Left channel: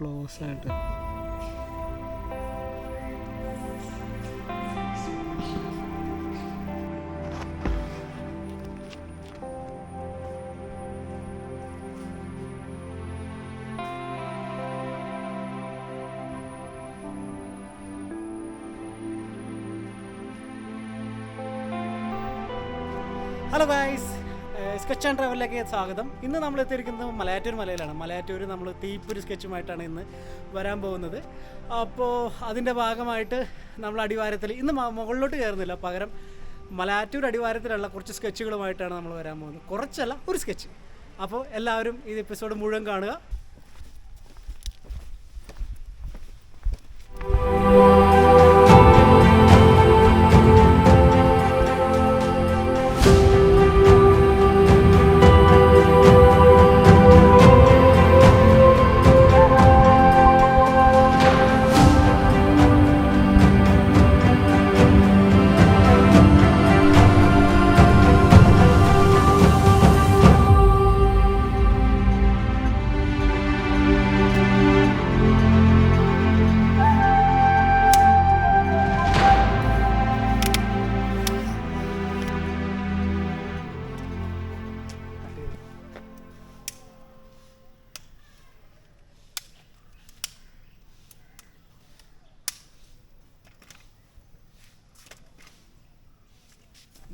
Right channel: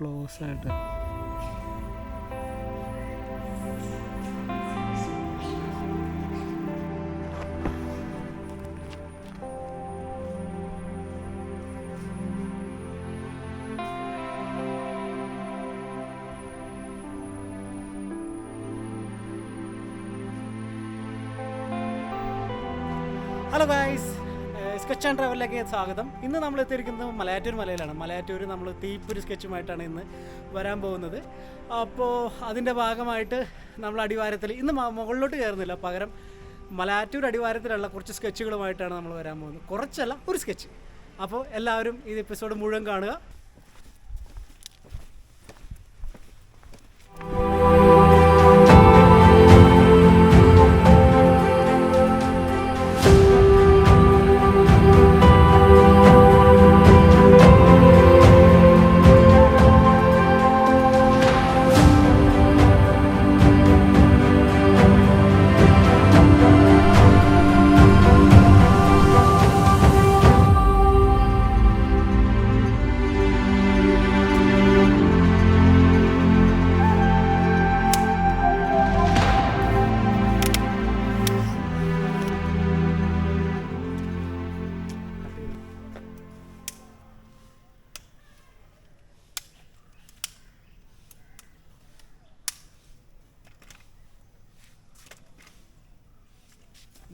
Close ആയിട്ട്. Hello guys, sketch and ട്രാവലിലേക്ക് സ്വാഗതം. ഇന്ന് നമ്മൾ എത്തിയിരിക്കുന്നത് മലയാറ്റൂർ മലയിലാണ്. മലയാറ്റൂർ നമ്മൾ തീപ്പൊരി സ്കെച്ചുമായിട്ടാണ് ഇന്ന് വരാൻ പോകുന്നത്. അപ്പോൾ അതിൻ്റെ ഭാഗമായിട്ട് നമ്മൾ അടിവാരത്തിൽ ഇന്ന് മുകളിലോട്ട് കയറുന്നില്ല, പകരം മലയാറ്റൂർ അടിവാരത്തിലുള്ള കുറച്ച് സ്കെച്ചുകളുമായിട്ടാണ് നമ്മൾ വരാൻ പോകുന്നത്. കുറച്ചല്ല, ഒരു സ്കെച്ച്. അപ്പോൾ എല്ലാവരും ഈ എപ്പിസോഡ് മുഴുവൻ കാണുക.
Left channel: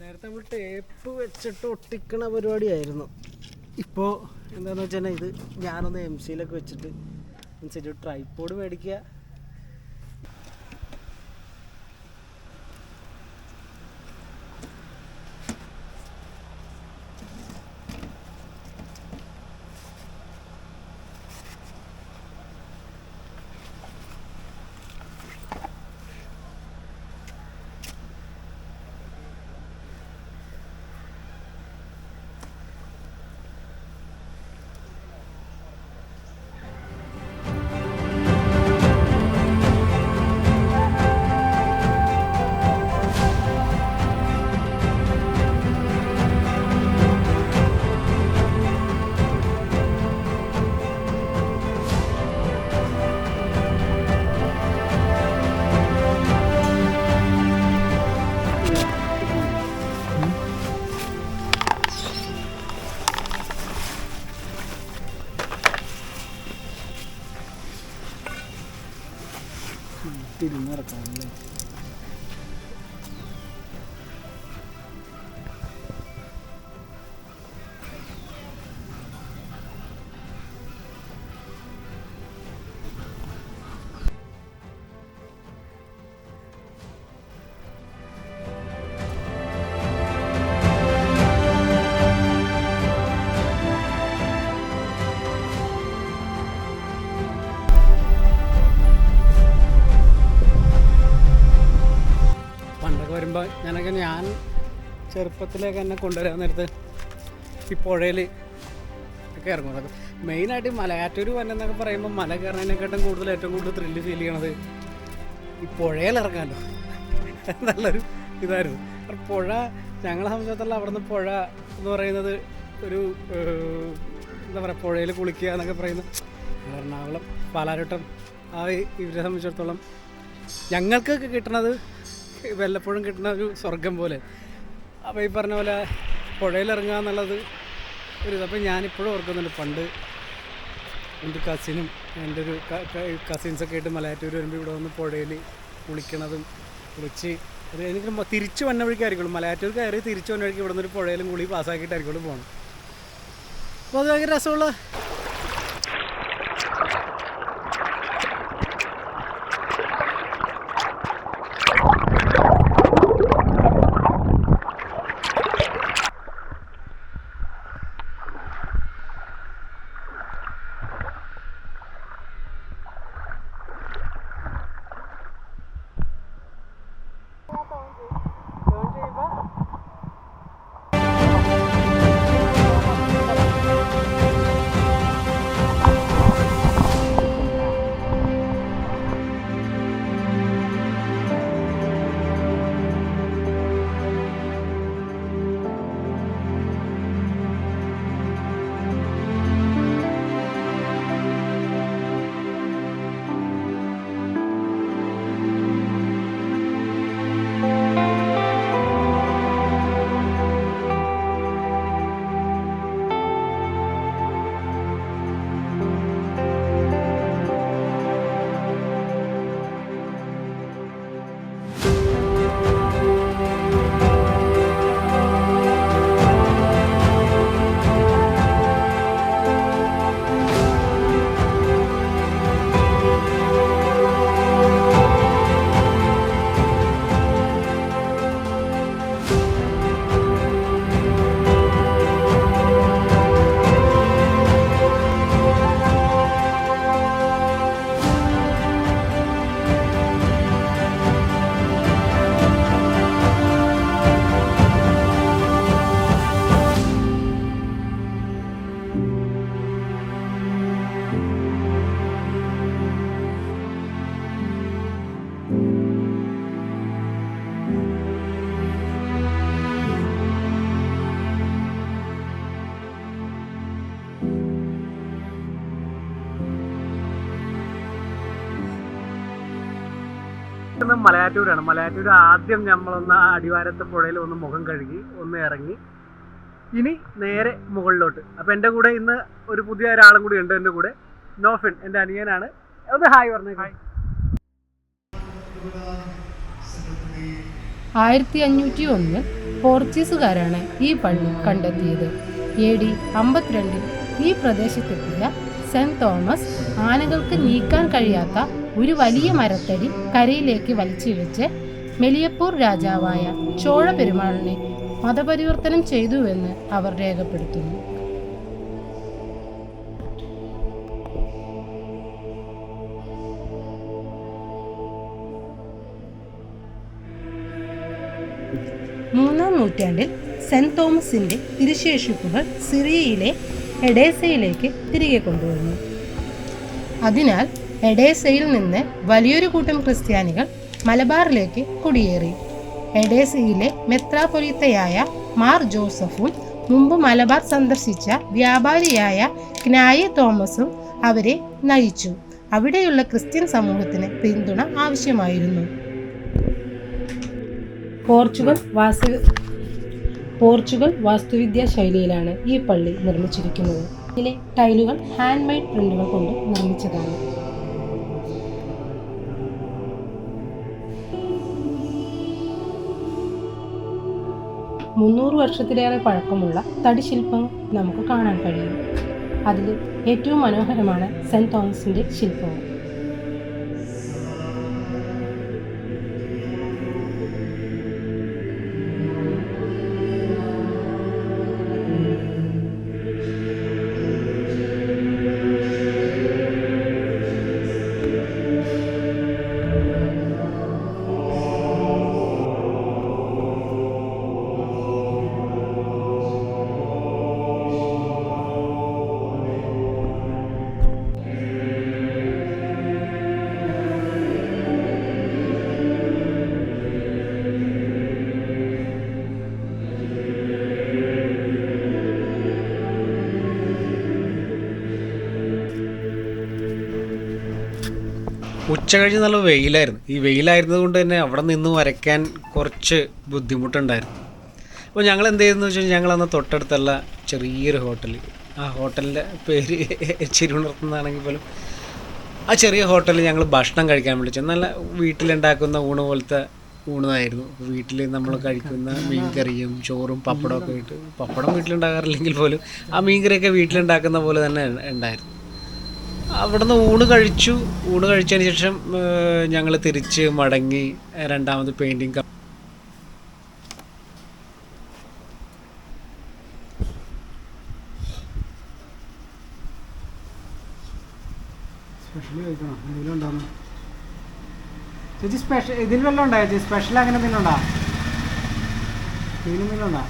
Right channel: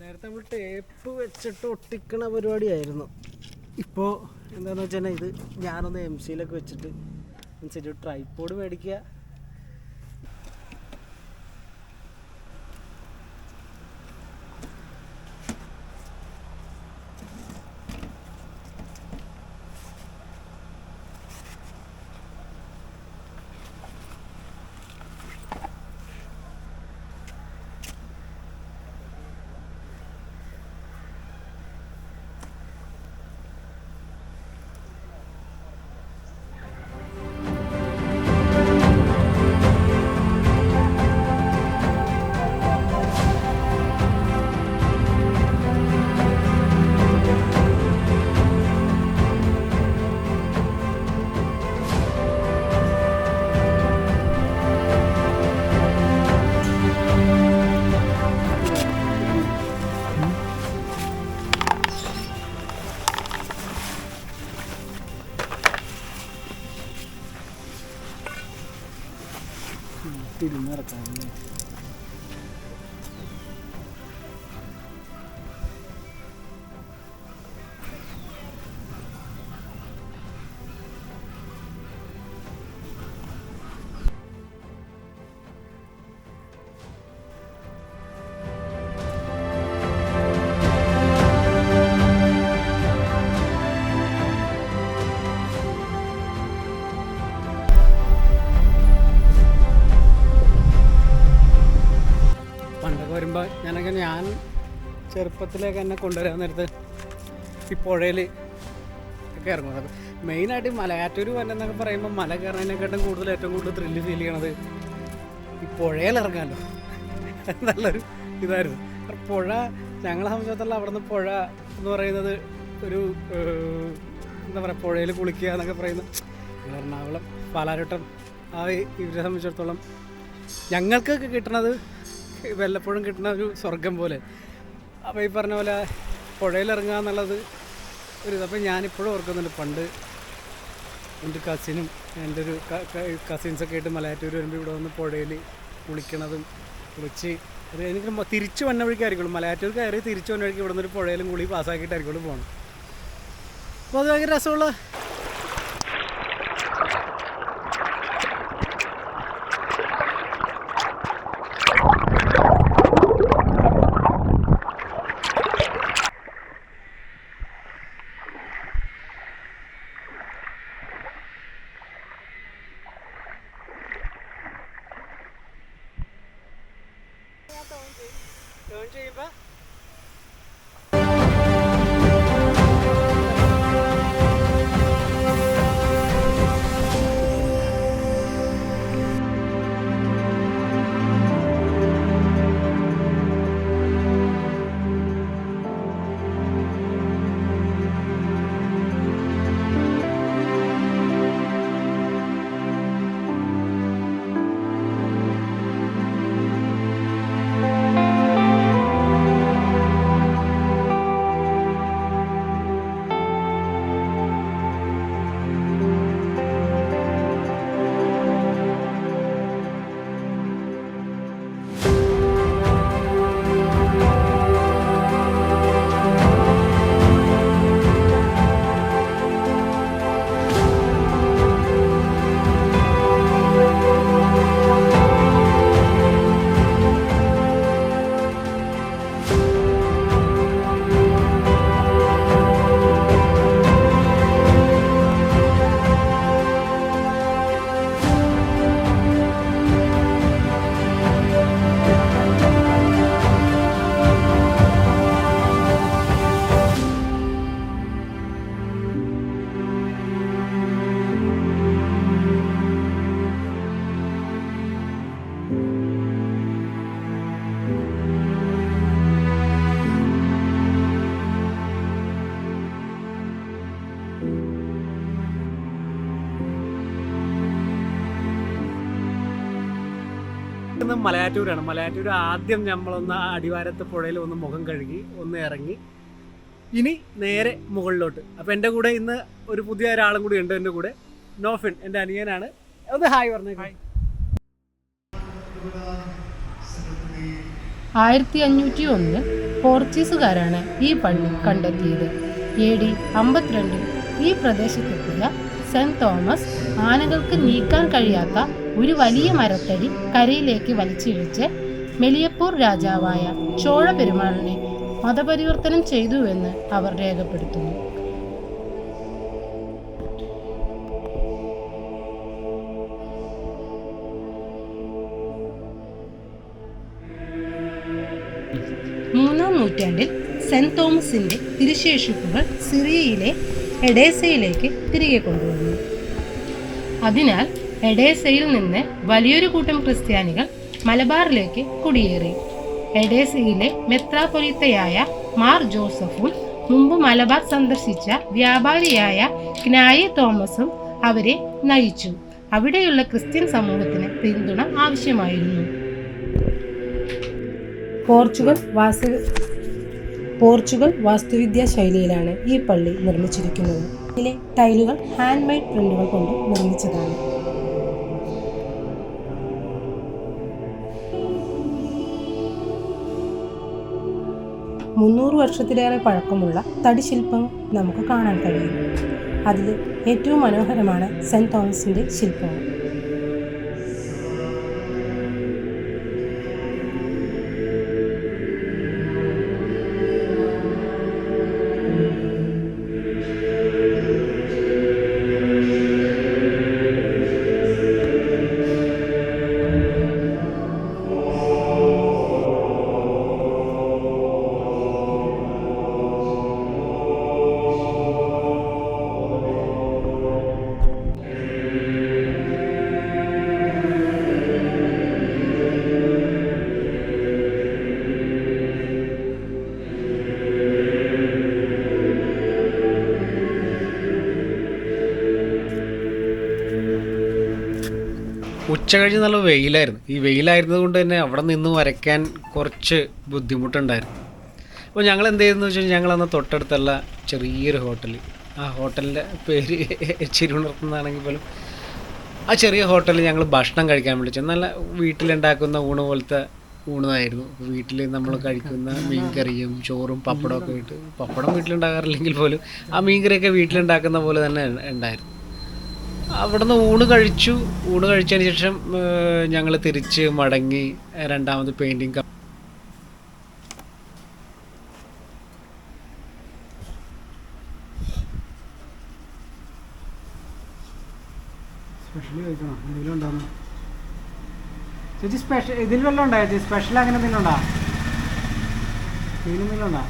നേരത്തെ നമ്മൾ ടേപ്പ് വെച്ചിട്ട് ഒട്ടിക്കണ പരിപാടിയായിരുന്നു. ഇപ്പോൾ എന്താണെന്ന് വെച്ചാൽ ഇത് ഞാനൊന്ന് MC-യിലൊക്കെ വെച്ചിട്ട് അനുസരിച്ച് ട്രൈപോഡ് മേടിക്കുക. തിരിഞ്ഞിറക്കാമല്ലേ? പണ്ടൊക്കെ വരുമ്പോൾ ഞാൻ ചെറുപ്പത്തിലേക്ക് എന്നെ കൊണ്ടുവരാൻ നേരത്ത് ഈ പുഴയിൽ ഒക്കെ ഇറങ്ങും. അപ്പോൾ മെയിനായിട്ട് മലയാറ്റൂർ വന്നെന്നൊക്കെ പറയുമ്പോൾ മല കയറുന്നതിനെക്കാട്ടും ഏറ്റവും കൂടുതൽ ത്രില്ല് ഫീൽ ചെയ്യണത് ഈ പുഴയിൽ ഇറങ്ങാമല്ലോ. നല്ലൊരു ഇതായിരുന്നു. പുഴ ഞങ്ങളെ സംബന്ധിച്ചിടത്തോളം അവിടെ നിന്ന് പുഴ എന്ന് പറയുന്നത് ഒരു എന്താ പറയുക, പുഴയിൽ കുളിക്കുക എന്നൊക്കെ പറയുന്നത് എറണാകുളം പാലാരിവട്ടം ഇവരെ സംബന്ധിച്ചിടത്തോളം ഞങ്ങൾക്കൊക്കെ കിട്ടണത് വല്ലപ്പോഴും കിട്ടുന്ന ഒരു സ്വർഗം പോലെ. അപ്പോൾ ഈ പറഞ്ഞ പോലെ പുഴയിലിറങ്ങുക എന്നുള്ളത് ഒരു അപ്പോൾ ഞാനിപ്പോഴും ഓർക്കുന്നുണ്ട്. പണ്ട് എൻ്റെ കസിനും എൻ്റെ ഒരു കസിൻസൊക്കെ ആയിട്ട് മലയാറ്റൂർ വരുമ്പോൾ ഇവിടെ വന്ന് പുഴയിൽ കുളിച്ച് അത് എനിക്ക് തിരിച്ചു വന്ന വഴിക്കായിരിക്കുള്ളൂ. മലയാറ്റൂർ കയറി തിരിച്ചു വന്ന വഴിക്ക് ഇവിടെ നിന്നൊരു പുഴയിലും കുളി പാസ്സാക്കിയിട്ടായിരിക്കുള്ളൂ പോകണം. അപ്പോൾ അത് ഭയങ്കര രസമുള്ള ഇന്ന് മലയാറ്റൂരാണ്. മലയാറ്റൂർ ആദ്യം നമ്മളൊന്ന് അടിവാരത്ത് പുഴയിൽ ഒന്ന് മുഖം കഴുകി ഒന്ന് ഇറങ്ങി ഇനി നേരെ മുകളിലോട്ട്. അപ്പോൾ എൻ്റെ കൂടെ ഇന്ന് ഒരു പുതിയ ഒരാളും കൂടി ഉണ്ട് എൻ്റെ കൂടെ. നോഫിൻ എൻ്റെ അനിയനാണ്. ഒന്ന് ഹായ് പറഞ്ഞു. ഹായ്. 1501 പോർച്ചുഗീസുകാരാണ് ഈ പള്ളി കണ്ടെത്തിയത്. AD 52 ഈ പ്രദേശത്തെത്തിയ സെന്റ് തോമസ് ആനകൾക്ക് നീക്കാൻ കഴിയാത്ത ഒരു വലിയ മരത്തടി കരയിലേക്ക് വലിച്ചിഴച്ച് മെലിയപ്പൂർ രാജാവായ ചോഴ പെരുമാളിനെ മതപരിവർത്തനം ചെയ്തുവെന്ന് അവർ രേഖപ്പെടുത്തുന്നു. മൂന്നാം നൂറ്റാണ്ടിൽ സെന്റ് തോമസിന്റെ തിരുശേഷിപ്പുകൾ സിറിയയിലെ എഡേസയിലേക്ക് തിരികെ കൊണ്ടുവന്നു. അതിനാൽ എഡേസയിൽ നിന്ന് വലിയൊരു കൂട്ടം ക്രിസ്ത്യാനികൾ മലബാറിലേക്ക് കുടിയേറി. എഡേസയിലെ മെത്രാപൊലീത്തയായ മാർ ജോസഫും മുമ്പ് മലബാർ സന്ദർശിച്ച വ്യാപാരിയായ ക്നായി തോമസും അവരെ നയിച്ചു. അവിടെയുള്ള ക്രിസ്ത്യൻ സമൂഹത്തിന് പിന്തുണ ആവശ്യമായിരുന്നു. പോർച്ചുഗൽ വാസ്തുവിദ്യാ ശൈലിയിലാണ് ഈ പള്ളി നിർമ്മിച്ചിരിക്കുന്നത്. ഇതിലെ ടൈലുകൾ ഹാൻഡ് മെയ്ഡ് പ്രിന്റുകൾ കൊണ്ട് നിർമ്മിച്ചതാണ്. മുന്നൂറ് വർഷത്തിലേറെ പഴക്കമുള്ള തടിശില്പം നമുക്ക് കാണാൻ കഴിയും. അതിൽ ഏറ്റവും മനോഹരമാണ് സെന്റ് തോമസിന്റെ ശില്പങ്ങൾ. ഉച്ച കഴിഞ്ഞ് നല്ല വെയിലായിരുന്നു. ഈ വെയിലായിരുന്നത് കൊണ്ട് തന്നെ അവിടെ നിന്ന് വരയ്ക്കാൻ കുറച്ച് ബുദ്ധിമുട്ടുണ്ടായിരുന്നു. അപ്പോൾ ഞങ്ങൾ എന്ത് ചെയ്തെന്ന് വെച്ചാൽ ഞങ്ങളന്ന് തൊട്ടടുത്തുള്ള ചെറിയൊരു ഹോട്ടൽ, ആ ഹോട്ടലിൻ്റെ പേര് ചിരുണർത്തുന്നതാണെങ്കിൽ പോലും ആ ചെറിയ ഹോട്ടലിൽ ഞങ്ങൾ ഭക്ഷണം കഴിക്കാൻ വിളിച്ചു. നല്ല വീട്ടിലുണ്ടാക്കുന്ന ഊണ് പോലത്തെ ഊണായിരുന്നു. വീട്ടിൽ നമ്മൾ കഴിക്കുന്ന മീൻകറിയും ചോറും പപ്പടമൊക്കെ ഇട്ട്, പപ്പടം വീട്ടിലുണ്ടാകാറില്ലെങ്കിൽ പോലും ആ മീൻകറിയൊക്കെ വീട്ടിലുണ്ടാക്കുന്ന പോലെ തന്നെ ഉണ്ടായിരുന്നു. അവിടുന്ന് ഊണ് കഴിച്ചതിന് ശേഷം ഞങ്ങൾ തിരിച്ച് മടങ്ങി രണ്ടാമത് പെയിൻറ്റിങ് സ്പെഷ്യലി കഴിക്കണം. എന്തെങ്കിലും ഉണ്ടാകുന്നു ചേച്ചി? സ്പെഷ്യൽ ഇതിൽ വല്ലതും ഉണ്ടോ ചേച്ചി? സ്പെഷ്യൽ അങ്ങനെ എന്തെങ്കിലും ഉണ്ടോ? ഇതിനെന്തെങ്കിലും ഉണ്ടോ?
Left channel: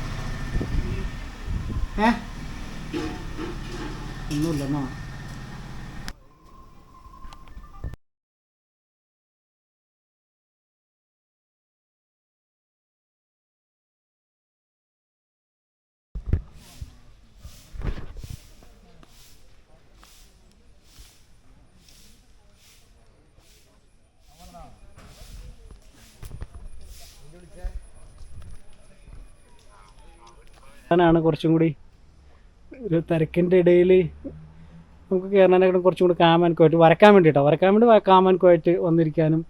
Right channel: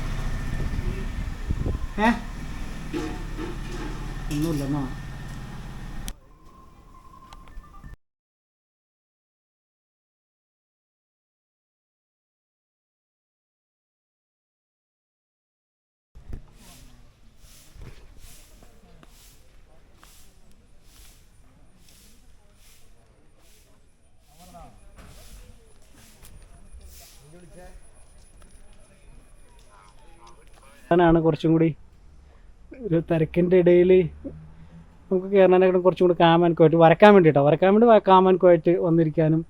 ഒന്നുമില്ലെന്നോ? ാണ് കുറച്ചും കൂടി ഒരു തിരക്കിൻ്റെ ഇടയിൽ നമുക്ക് കയറാനായിട്ട് കുറച്ചും കൂടി കാമാൻക്കുമായിട്ട് വരയ്ക്കാൻ വേണ്ടി കാമാൻക്കുമായിട്ട് വന്നിരിക്കാനും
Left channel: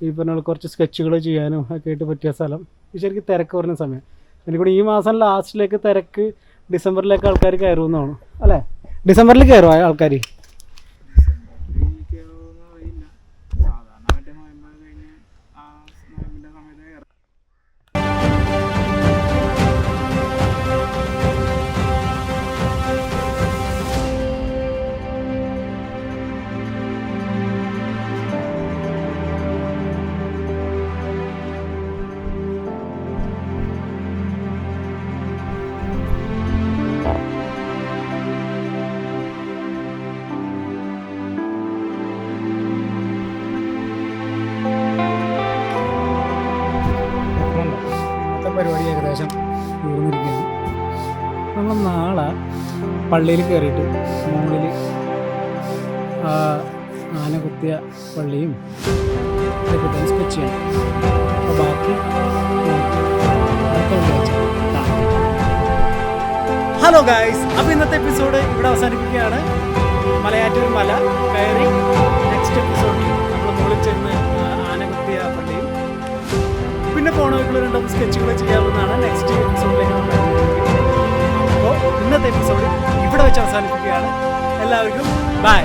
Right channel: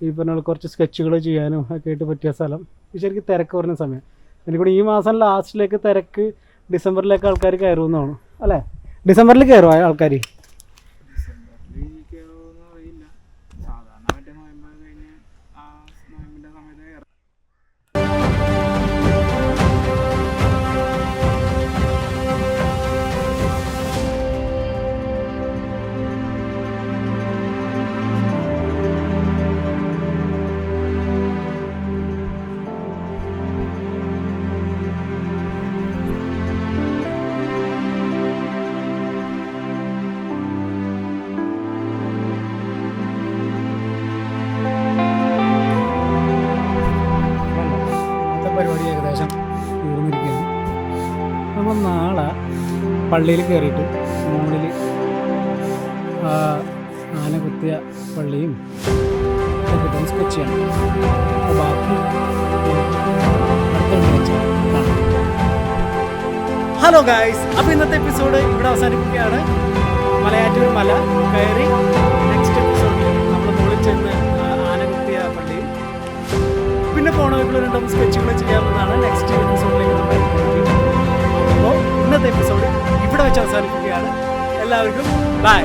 ഈ പറഞ്ഞ കുറച്ച് സ്കെച്ചുകൾ ചെയ്യാനും ഒക്കെ ആയിട്ട് പറ്റിയ സ്ഥലം. ശരിക്കും തിരക്ക് കുറഞ്ഞ സമയം. എനിക്കൂടി ഈ മാസം ലാസ്റ്റിലേക്ക് തിരക്ക് ഡിസംബറിലേക്ക് ആൾക്കാർ കയറുമെന്നാണ് അല്ലേ? ഡിസംബറിൽ കയറുമോ ആൾക്കാർ? പരിപാടി ഏകദേശം തീർന്നിരിക്കുകയാണ്. നമ്മൾ നാളെ പള്ളിയിൽ കയറിയിട്ട് മുകളിൽ ആന കുത്തിയ പള്ളിയും ഇതൊക്കെ ഇട്ടൊന്ന് സ്കെച്ച് ചെയ്യണം. അപ്പോൾ ബാക്കി നമുക്ക് അടുത്ത വണ്ടി വെച്ച് കാണാം. ഹലോ ഗായ്സ്, അപ്പോൾ ഇന്നത്തെ എപ്പിസോഡ് ഇവിടെ അവസാനിപ്പിക്കുകയാണ്. മലയാറ്റൂർ മല കയറി നെക്സ്റ്റ് എപ്പിസോഡിൽ നമ്മൾ മുകളിൽ ചെന്ന് ആനകുത്തിയ പള്ളിയും പിന്നെ പോണവയ്ക്കുള്ള 2 സ്കെച്ചുകൾ ചെയ്യാവുന്നതാണ് നെക്സ്റ്റ് എപ്പിസോഡിലേക്ക് നമ്മൾ വരുന്നത്. അപ്പോൾ ഇന്നത്തെ എപ്പിസോഡ് ഇവിടെ വെച്ച് അവസാനിപ്പിക്കുകയാണ്. എല്ലാവർക്കും ബൈ.